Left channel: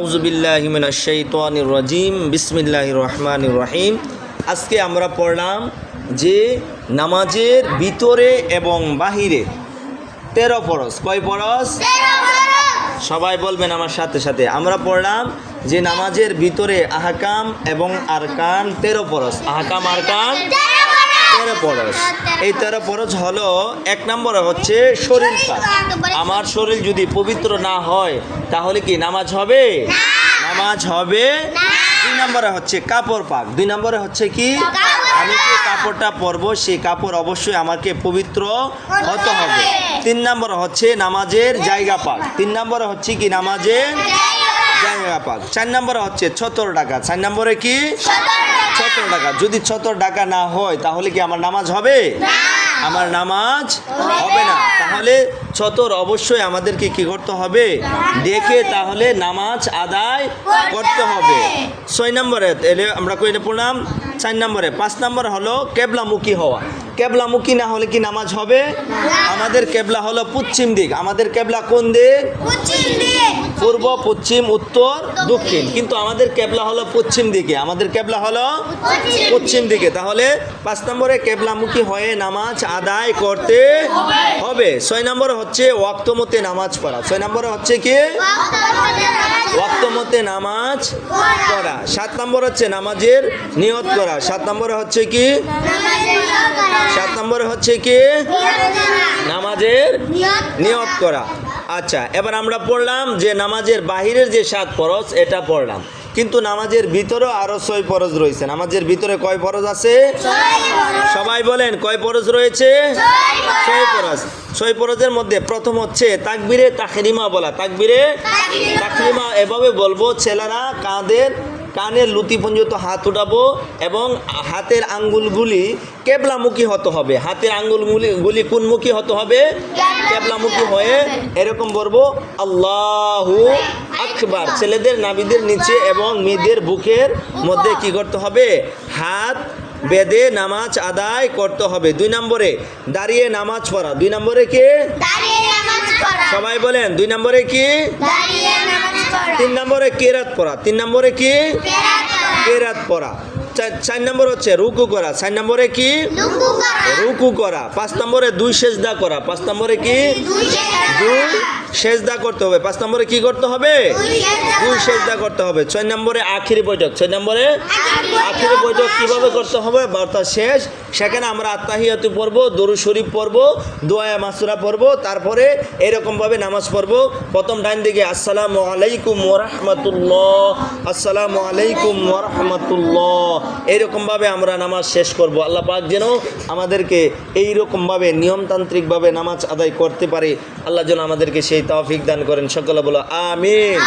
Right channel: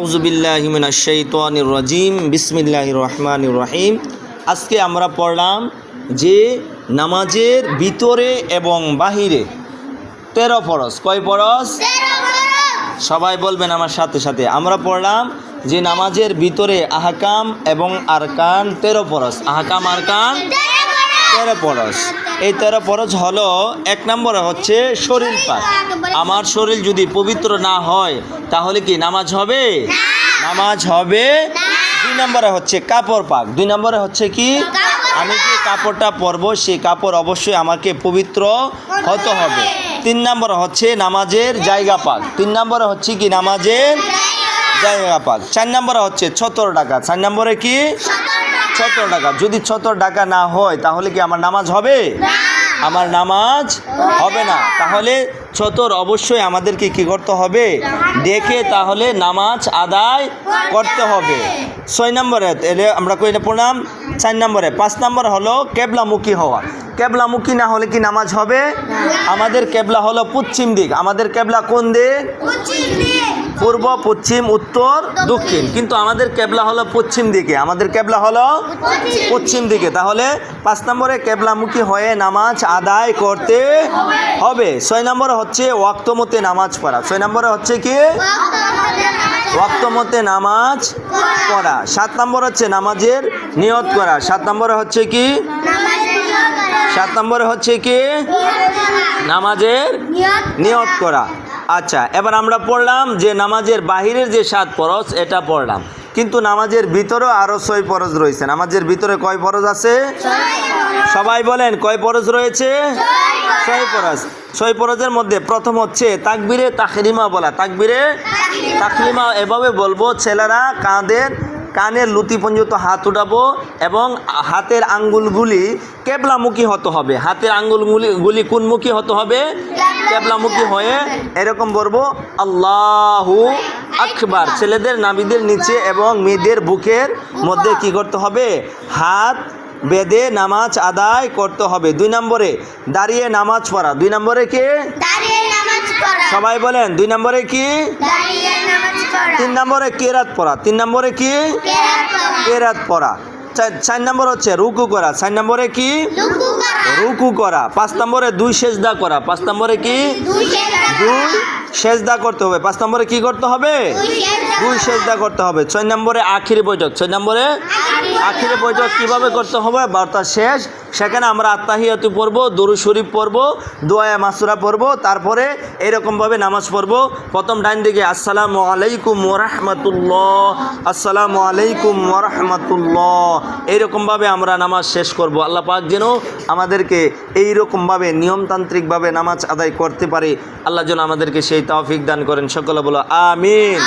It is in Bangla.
আউযু বিল্লাহি মিনাশ শাইতানির রাজিম বিসমিল্লাহির রহমানির রহিম। আজকে আমরা পড়লাম যে নামাজের ভিতরে এবং বাহিরে 13 ফরজ। কয় ফরজ? সবাই বলবেন আমার সাথে সাথে। আমরা পড়লাম যে নামাজের ভিতরে আহকাম এবং আরকান 13 ফরজ। আহকাম আরকান 13 ফরজ। এই 13 ফরজ হলো, এক নম্বরে হচ্ছে শরীর পাক। আমার শরীর যদি পবিত্র না হয় তাহলে কি নামাজ হবে? নামাজ হবে। 2 নম্বরে হচ্ছে কাপড় পাক। 2 নম্বরে হচ্ছে কি, আমি যে কাপড়টা পরবো সেই কাপড় অবশ্যই আমাকে পবিত্র হতে হবে। 3 নম্বরে হচ্ছে নামাজের জায়গা পাক। 3 নম্বরে হচ্ছে কি, নামাজের জায়গা পাক। 4 নম্বরে হচ্ছে ছতর ডাকা। 4 নম্বরে কি, ছতর ডাকা। যদি ছতর ডাকা না হয় তাহলে কি আমার নামাজ হবে? আমার নামাজ হবে না। তাহলে ছতর অবশ্যই আমাদেরকে কি করতে হবে? দেখে তাহলে নামাজ আদায় করতে হবে। 6 নম্বরে আমরা কইটা পড়লাম। 4 নম্বরে 5 নম্বর হলো কেবলামুখী হওয়া। কেবলামুখী না হলে কি নামাজ হবে? আমাদের কেবলা হলো পশ্চিম দিক। আমাদের কেবলা কোন দিক? পূর্ব, পশ্চিম, উত্তর, দক্ষিণ। কিন্তু আমাদের কেবলা হলো পশ্চিম দিকে। আমাদের কেবলা হলো পশ্চিম দিকে। তাহলে 5 নম্বরে কেবলামুখী হয়ে নামাজ আদায় করতে হবে। 6 নম্বরে হচ্ছে ওয়াক্ত মতে নামাজ পড়া। 6 নম্বরে হচ্ছে কি, ওয়াক্ত মতে নামাজ পড়া। 7 নম্বর হচ্ছে নামাজের নিয়ত করা। 7 নম্বরে হচ্ছে কি, 7 নম্বরে হচ্ছে কি, নামাজের নিয়ত করা। আচ্ছা, এবার আমরা পড়লাম যে নামাজের বাহিরের যে 7 ফরজ এটা পড়লাম, কিন্তু নামাজের ভিতরেও আরো 6 ফরজ রয়েছে। নামাজের ভিতরে কয় ফরজ আছে? সবাই বলেন কয় ফরজ রয়েছে? 6 ফরজ। 6 ফরজের মধ্যে প্রথম হচ্ছে তাকবীরে তাহরিমা বলা। তাকবীরে তাহরিমা এভাবে বলবো, ছেলেরা কানের লুতি পর্যন্ত হাত উঠাবো এবং হাতের আঙ্গুলগুলি কেবলামুখী হতে হবে। হাতের আঙ্গুলগুলি কোনমুখী হতে হবে? কেবলামুখী হয়ে এরকম বলবো, আল্লাহু আকবার। ছেলেদের নাভিদের নিচে এবং মেয়েদের বুকের মধ্যে কি করতে হবে? হাত বেঁধে নামাজ আদায় করতে হবে। 2 নম্বরে দাঁড়িয়ে নামাজ পড়া। 2 নম্বরে কি? সবাই বলেন 2 নম্বরে কি? 3 নম্বরে কেরাত পড়া। 3 নম্বরে কি? কেরাত পড়া। 4 নম্বর হচ্ছে রুকু করা। 4 নম্বরে কি? রুকু করা। 5 নম্বরে 2 সেজদা করা। 5 নম্বরে কি? 2 সেজদা করতে হবে। 5 নম্বরে কি করতে হবে? 2 সেজদা করতে হবে। 6 নম্বরে আখিরি বৈঠক। 6 নম্বরে আখিরি বৈঠক কিভাবে করতে হবে? বার্তা শেষ, সেখানে আমরা আত্তাহিয়াতু পড়বো, দরুদ শরীফ পড়বো, দোয়া মাসুরা পড়বো, তারপরে এরকমভাবে নামাজ পড়বো। প্রথম ডাইন দিকে আসসালামু আলাইকুম ওয়া রাহমাতুল্লাহ, আসসালামু আলাইকুম ওয়া রাহমাতুল্লাহ, এইরকমভাবে আমরা নামাজ শেষ করব। আল্লাহ পাক যেন আমাদেরকে এইরকমভাবে নিয়মতান্ত্রিকভাবে নামাজ আদায় করতে পারে। আল্লাহ যেন আমাদেরকে সেই তৌফিক দান করেন। সকলে বলো আমিন।